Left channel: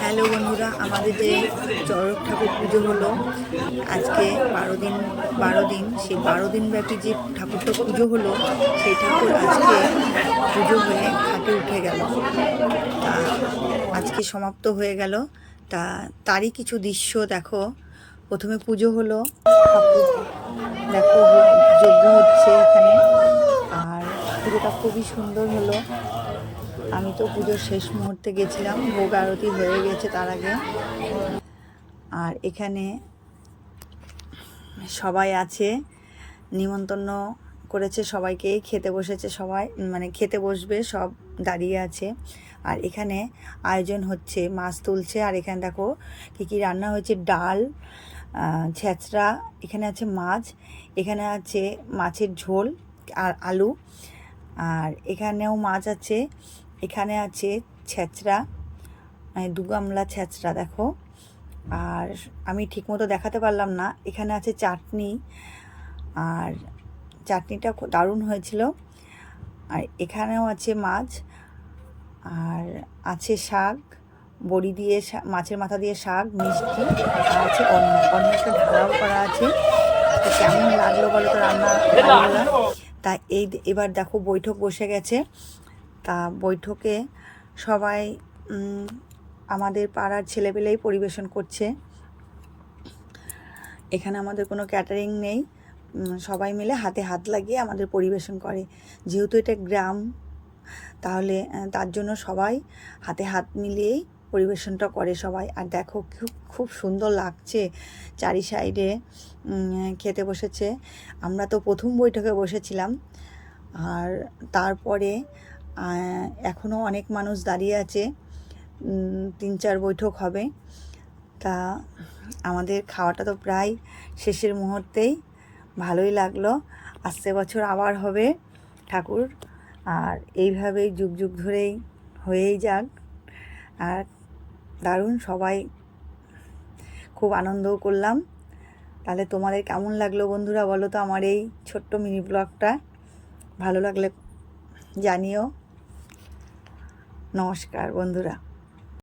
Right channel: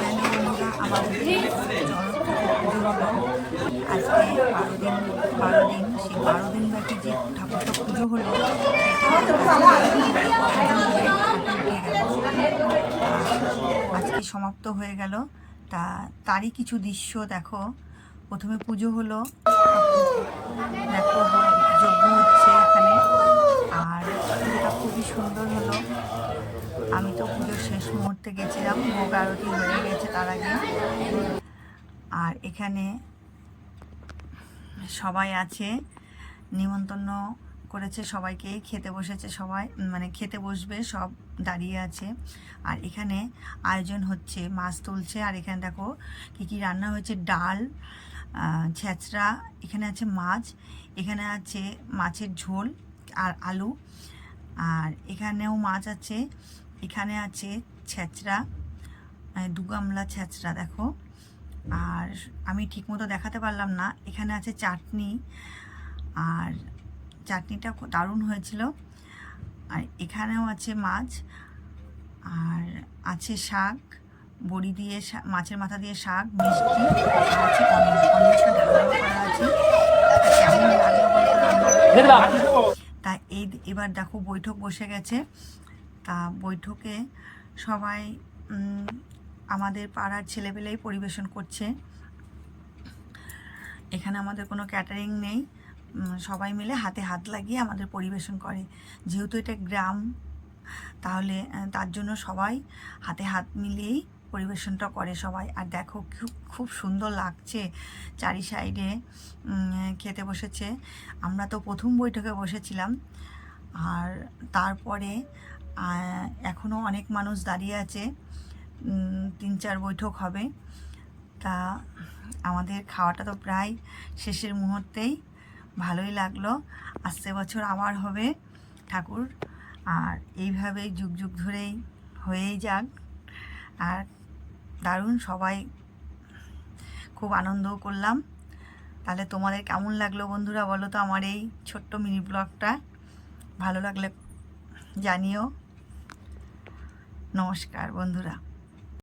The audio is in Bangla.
হ্যালো বন্ধুরা, আমাদের যে চড়ক ঠাকুর পুজো হলো আজকে 12 দিন সেই 12 দিন ব্যাপী যে ঠাকুরটা পুজো হলো সেই ঠাকুর আজকে পুজো হয়ে ঘাটে উঠে গেল। তা আজকে সমাপ্ত হয়ে গেল। তারই কিছু দৃশ্য দেখো। প্রথমে পুজো হলো, ঠাকুর দেখো যজ্ঞ হচ্ছে এখানে, আর পুজোটা খুবই সুন্দর হলো। আমি তো পুজোর শেষ মুহূর্তে গেছিলাম, ভোগ আরতি হয়ে গেছে তার আগে। আর এখানে সবাই আছে, নিমন্ত্রণ করেছে সবাইকে, খেতে বসেছে সবাই, মানে খেতে বসবে সব দাঁড়িয়ে আছে। আর এখানে আয়োজন হচ্ছে, মাছ তুলছে। আর এখানে দেখো কী কী রান্না হয়েছে, ডাল, ছেঁচড়া, এখানে আছে মাছ, এখানে আছে মাছের ঝোল আর আলু, আর এখানেও মাছ আছে, এখানে আছে ছেঁচড়া, দু গামলা ছেঁচড়া দেখো। আর আমি ঠিকমতো দেখাতে পারলাম না, এখানে আছে চাটনি, আর চাটনিটা খুব দারুণ হয়েছিল। আর এখানেও আছে মাছ, আর আছে শাক, বড়ি দিয়ে মাছের মাথা দিয়ে শাক, মিষ্টি, আর আছে অন্নটা ঢালাও করা আছে। তা কেমন লাগলো বলো তো রান্না? তা এবার দেখো বৈঠক বসে গেছে। তা বৈঠকে সবাই আমাদের পাড়ার ছেলেপেলেই পরিবেশন করছে। এখানে আমাদের কোনো ক্যাটারিং নেই, সবাই মিলে হাতে হাত লাগিয়ে আমাদের পরিবেশন করে। যেহেতু এটা গ্রাম, তাহলে তার জন্য সবাই হাতে হাত মিলিয়েই পরিবেশনটা করে সবাই। আর দেখো খুব সুন্দর লাগছে, চারি সাইডে খেতে বসেছে। আমরা তো প্রথম বৈঠকে বসেছিলাম, আর তারপরে এখনও অনেক মানুষ দাঁড়িয়ে আছে, 3-4 বৈঠক হবে। তা আমাদের খাওয়াটা তো প্রায় শেষের মুহূর্তেই, ভালোই লাগলো। আসছে বছর আবার হবে ঠাকুর, আর এইভাবেই যুগ যুগ ধরেই হয়েই যাক। আর দারুণ, সবাই খুব আনন্দও করলাম। তাহলে তোমাদের কেমন লাগলো বন্ধুরা বলো তো আমার এই ছোট্ট মিনি ব্লগটা? ভালো লাগলে জানিও। নমস্কার বন্ধুরা।